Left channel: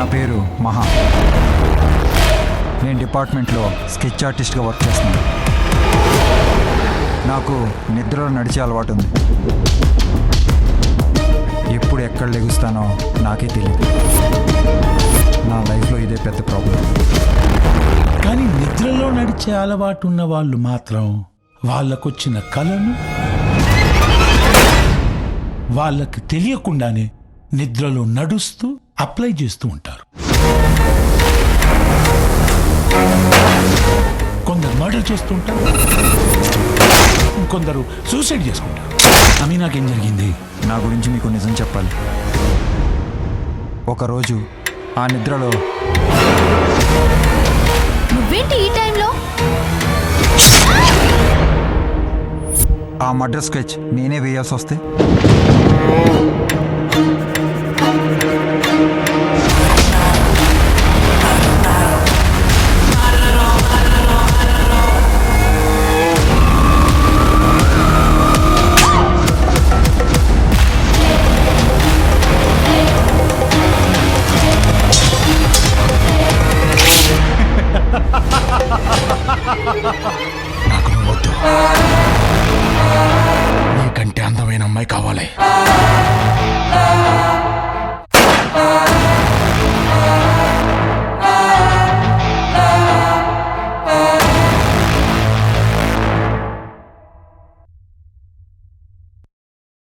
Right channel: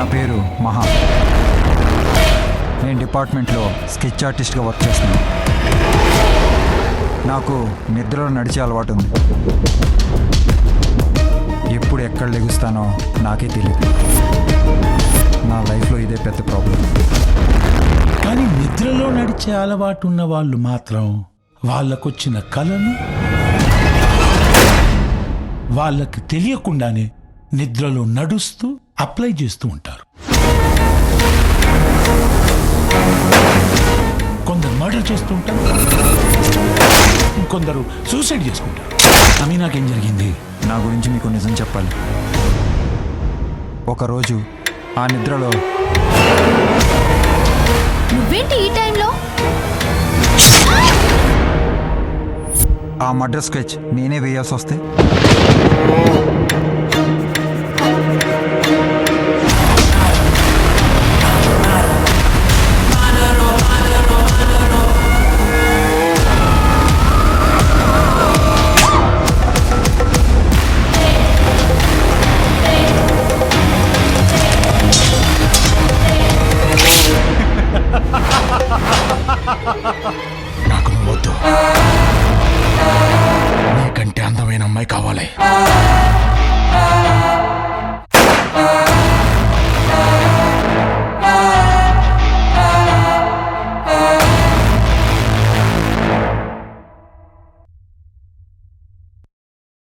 నా పేరు మహా. నేను డిపార్ట్మెంట్లో స్కెచ్ ఆర్టిస్ట్గా వర్క్ చేస్తున్నాను. నాకు నిద్రలో నడిచే అలవాటు ఉంది. ఎప్పుడు ఎక్కడ లెగుస్తానో నాకే తెలియదు. నా లైఫ్లో ఇదే పెద్ద ప్రాబ్లం. కానీ నిద్రలో నడిచే అలవాటు ఉన్న వాళ్ళు మాత్రం వాళ్ళకొచ్చిన కలను వాళ్ళకి తెలియకుండానే నిద్రలో నడుస్తూ అప్లై చేస్తూ ఉంటారు. కొందరు మర్డర్ చేస్తుంటారు, కొందరు సూసైడ్ చేసుకుంటారు. నాకేం జరిగింది? నా గురించి మీకు నిజం చెప్పాలి. ఒకరోజు ఆ నిద్రలో నువ్వేంటి ఈ టైంలో? ఆ మర్డర్ స్కెచ్ నేనే వేయాల్సి వస్తే నాకు నువ్వు వద్దు. నీకంటే అందమైన అమ్మాయి కావాలి.